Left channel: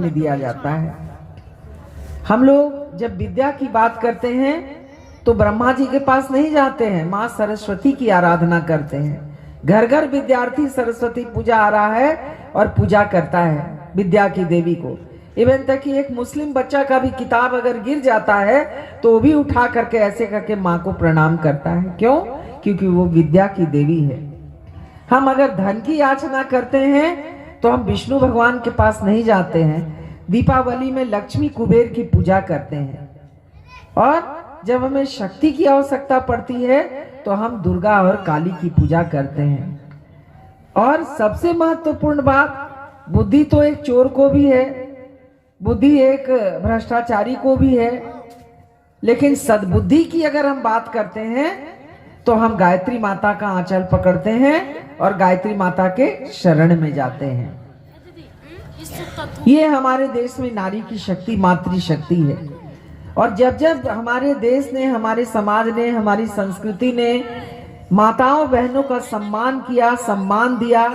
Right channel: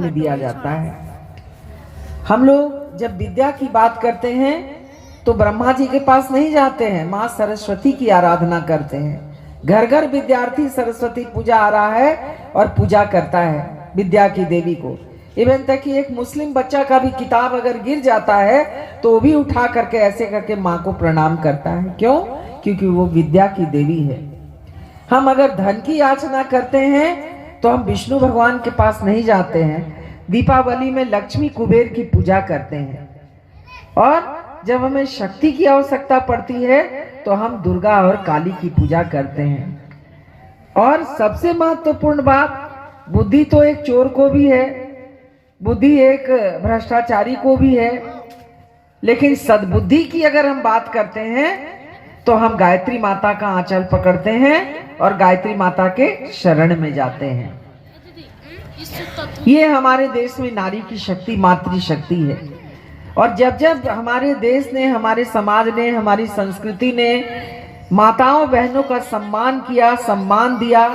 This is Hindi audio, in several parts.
में दिया जाता है। हम लोग जब विद्या की बात करते हैं तो ब्रह्मा जी के पास नहीं जाते हैं, माँ सरस्वती की आराधना करते हैं। घर घर विद्यार्थी सरस्वती पूजा आ रहा है और पूजा करता है विद्या की देवी को। इवन तक कि एक मुस्लिम बच्चा का भी किताब अगर गिर जाता है तो वो भी उठा करके ऐसे करके माँ को प्रणाम करता है। क्यों? क्योंकि वो विद्या की देवी है। हम अगर धन की याचना करते हैं तो हम विष्णु भगवान के पास नहीं जाते हैं, दीपावली में लक्ष्मी कुबेर की पूजा करते हैं। और जब हमें शक्ति की आवश्यकता पड़ती है तो हम दुर्गा और काली की पूजा करते हैं। और सबसे महत्वपूर्ण बात, बुद्धि तो एक चोर को भी है, बुद्धि एक भ्रष्टाचारी को भी है, लेकिन सद्बुद्धि की अगर हम बात करते हैं तो हम गायत्री माता का आंचल पकड़ते हैं और गायत्री माता के शरण में जाते हैं। ये हमारे देश में नारी की शक्ति, मातृशक्ति है। और जब जब हमारे देश ने, हमारे समाज ने, हमारी संस्कृति ने माताओं बहनों का सम्मान किया, सम्मान दिया,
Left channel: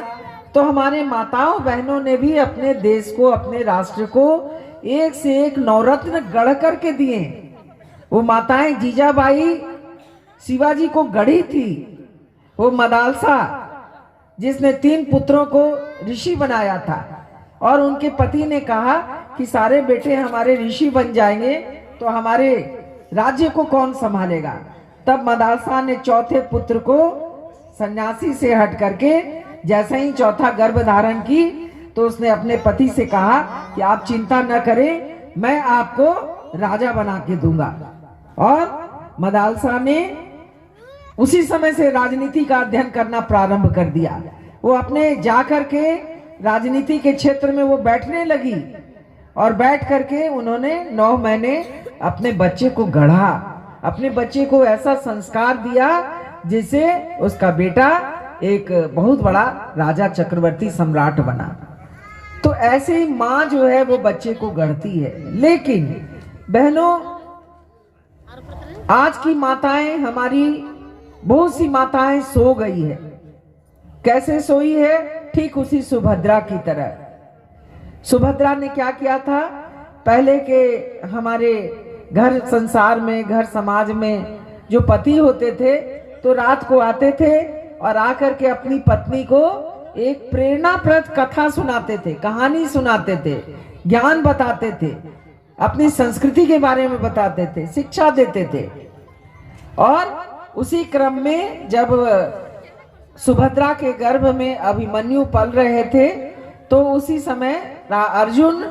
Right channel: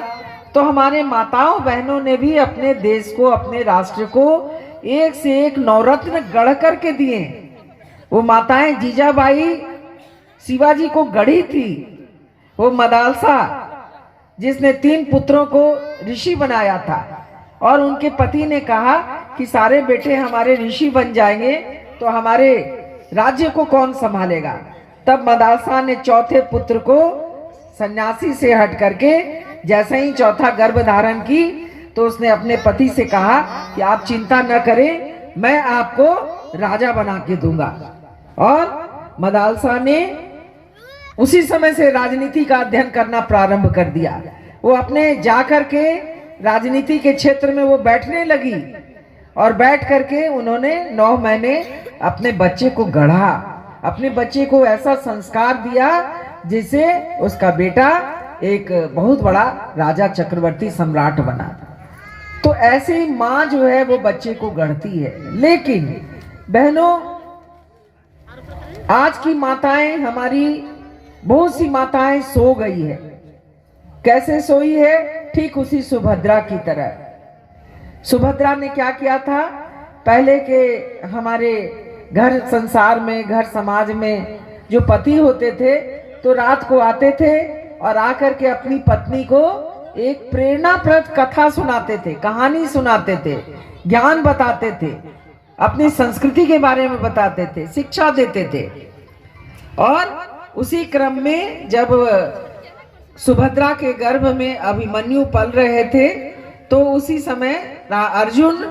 तो हमारे माताओं बहनों ने भी अपने देश को, अपने राष्ट्र को एक से एक नवरत्न गढ़ करके दिए। वो माताएं जीजाबाई शिवाजी को गढ़ी थी, वो मदालसा जिसने 3 पुत्रों को ऋषि बनाया था और उनके पति ने कहा कि सारे बेटे हमारे ऋषि बन जाएंगे तो हमारे राज्य को कौन संभालेगा। तब मदालसा ने चौथे पुत्र को सन्यासी से हट करके जैसे ही चौथा गर्भ धारण की तो उसने अपने पति से कहा कि आप चिंता न करें, मैं आपको राजा बना के दूंगा। और मदालसा ने उसी समय से राजनीति का अध्ययन करना प्रारंभ कर दिया। वो अपने जाकर के राजनीति के क्षेत्र में वो बैठने लगी और बैठ करके उन्होंने 9 महीने अपने बच्चे को गढ़ा, अपने बच्चे को ऐसा संस्कार दिया जिससे उसका बेटा एक बहुत बड़ा राजा, चक्रवर्ती, सम्राट बना। तो ऐसे ही माँ जो है वो बच्चे को गढ़ती है। लेकिन बहनों, आज की माताएं, हमारी बहुत सी माताएं सो गई है। कैसे सोई है? ठीक उसी सुभद्रा की तरह। सुभद्रा ने क्या किया था? पहले के हमारे घर संसार में, घर समाज में जो पति होते थे तो रात को आते थे और आकर के अपनी पत्नी को एक प्रेरणाप्रद कथा सुनाते थे, कहानी सुनाते थे, ज्ञान बताते थे, अपनी संस्कृति के बारे में बताते थे, शिक्षा देते थे। और उसी क्रम में जब सुभद्रा के गर्भ में अभिमन्यु पल रहे थे तो उसी समय अर्जुन